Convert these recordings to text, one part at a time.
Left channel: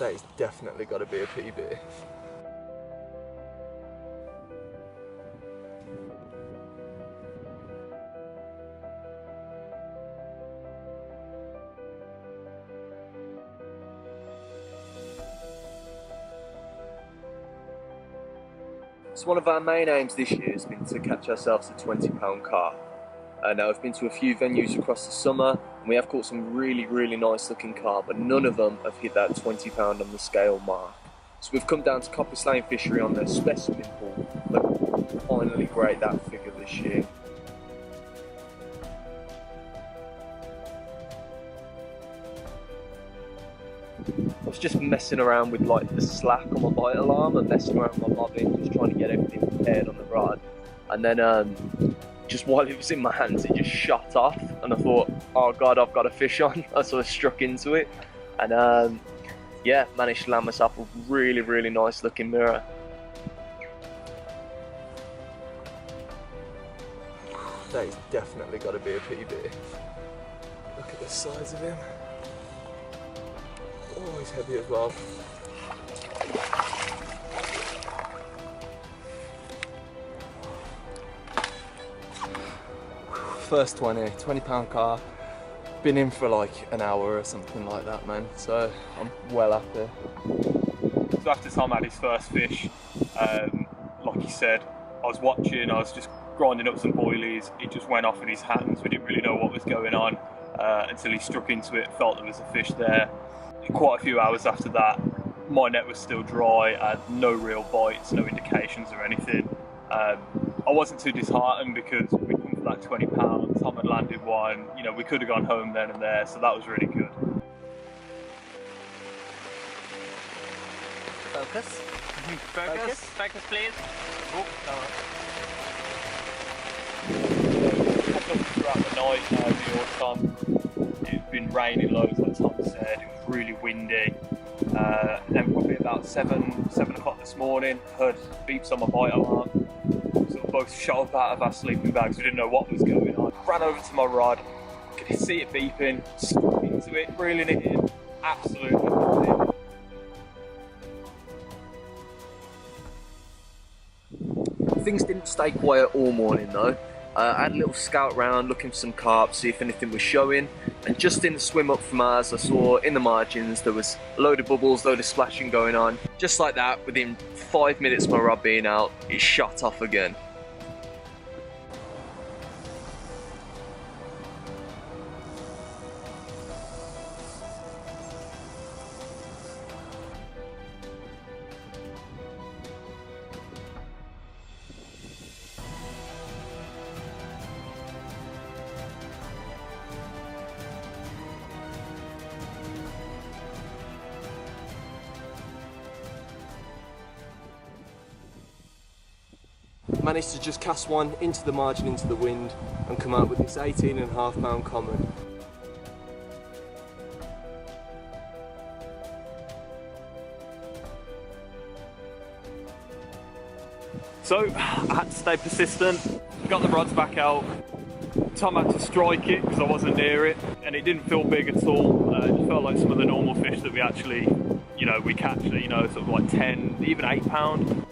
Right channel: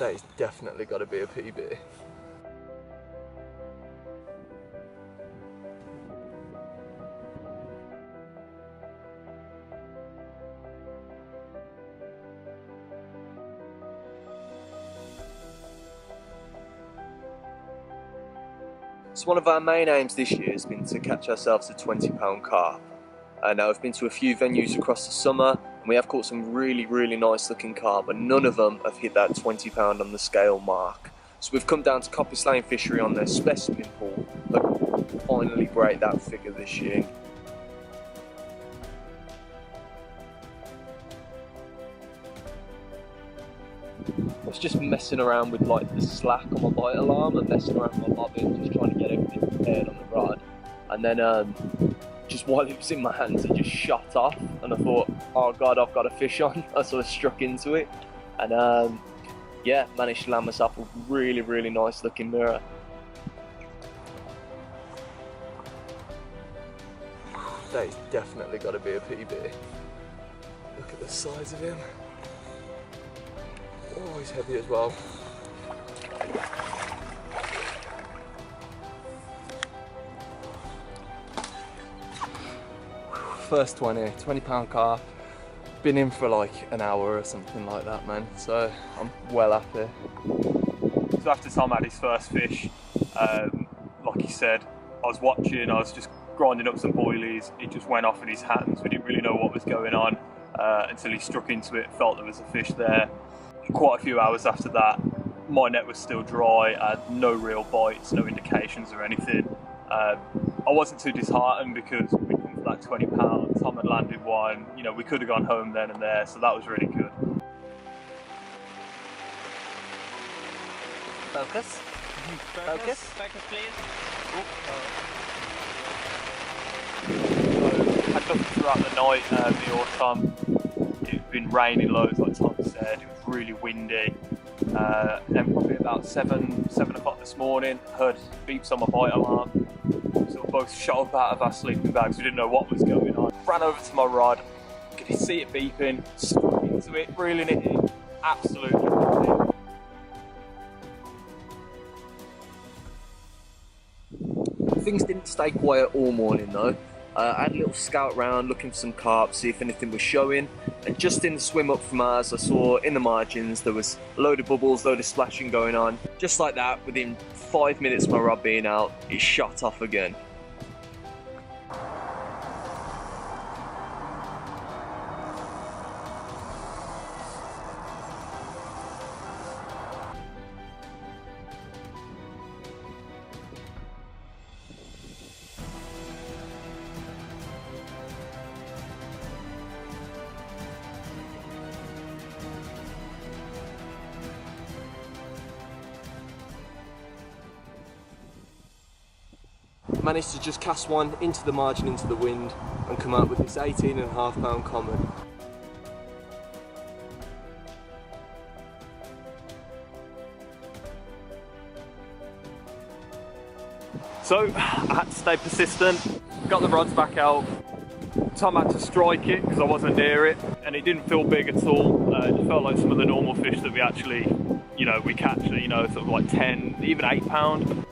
That is definitely got to be a PB. So one of our main aims this year has been to catch ourselves a £20 carp. Now we've been to a few venues across the summer and we have caught some really nice looking carp, but none of them have hit that £20 on the scale mark. So we've come down to Coppice Lane Fishery on their specimen pool, but finally break that figure this year. I was just messing around with like the slack on my bite alarm and messing around with my bobbin, just trying to get everything prepared on the rod. And then just while it was in my hands, it just shot off and I thought, oh God, I've got a fish on. So I struck into it and yeah, managed to land myself a really nice looking mirror. That is definitely got to be a PB. Look at the size of him. Oh, he's heavy as well. First £20 carp. Been in for like an hour or something like that, man. So I'm well happy. So after Tom had his first fish, like he said, I was watching, I was just grinding up some boilies. It just went off in his hands. We didn't really know what was going on until he struck into it, felt there was a fish there. Quite a few hours after that, my net was still dry, I had no real bites, no indications or anything. I wasn't too disheartened because we'd come for that £20, Tom had landed one, you know, we could have gone home then and there, so that was really good. Focus. Focus. Focus, please. Oh, so, had nothing throughout the night, me or Tom. It's been raining loads, like Tom said. It was really windy. Then probably about 7 o'clock this morning, heard beeps on my bite alarm. Sort of both shot up out of our sleeping bags. We didn't know what was going on. Ran over to my rod, could see it beeping, struck into it, reeling it in. Absolutely loved it. Things didn't stay quiet all morning though. I had a little scout round looking for some carp, see if anything was showing, and just in the swim up from ours I saw in the margins there was a load of bubbles, load of splashing going on. Just like that, within 5 minutes of my rod being out, it shot off again. Managed to just cast one into the margin, into the wind, and come out with this 18.5 pound common. So I had to stay persistent, got the rods back out. Tom had to strike it because I wasn't near it, and it didn't feel big at all. It just felt like some of the normal fish that we actually, you know, we catch, you know, sort of like 10, even 8 pound.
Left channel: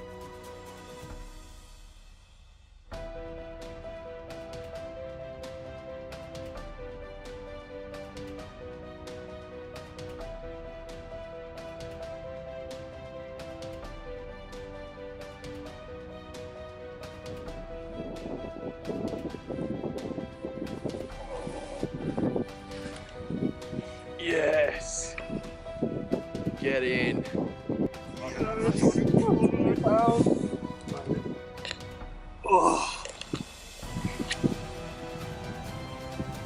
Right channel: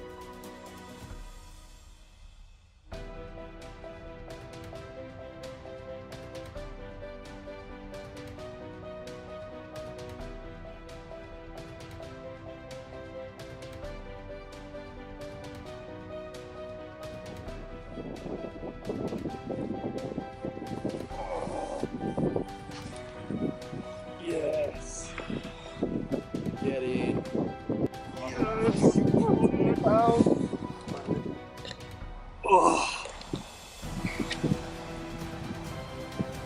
Yes! Get in! Yes! 20 pounds! Oh.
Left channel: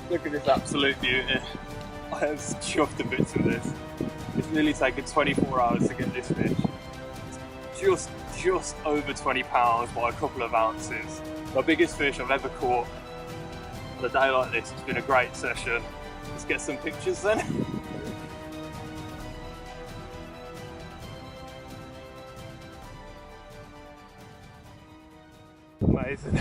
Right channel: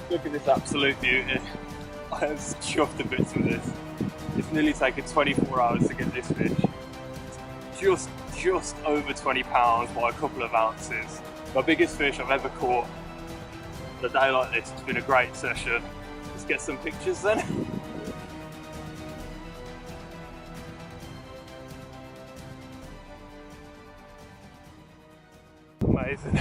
Look at this absolute beauty. I am chuffed to bits with this. It's nearly taken 24 hours to get this fish. It's just over 20 pounds by a couple of ounces. My biggest fish I've ever caught. On a day like this, it's been a great session. Let's get some pictures then. Amazing.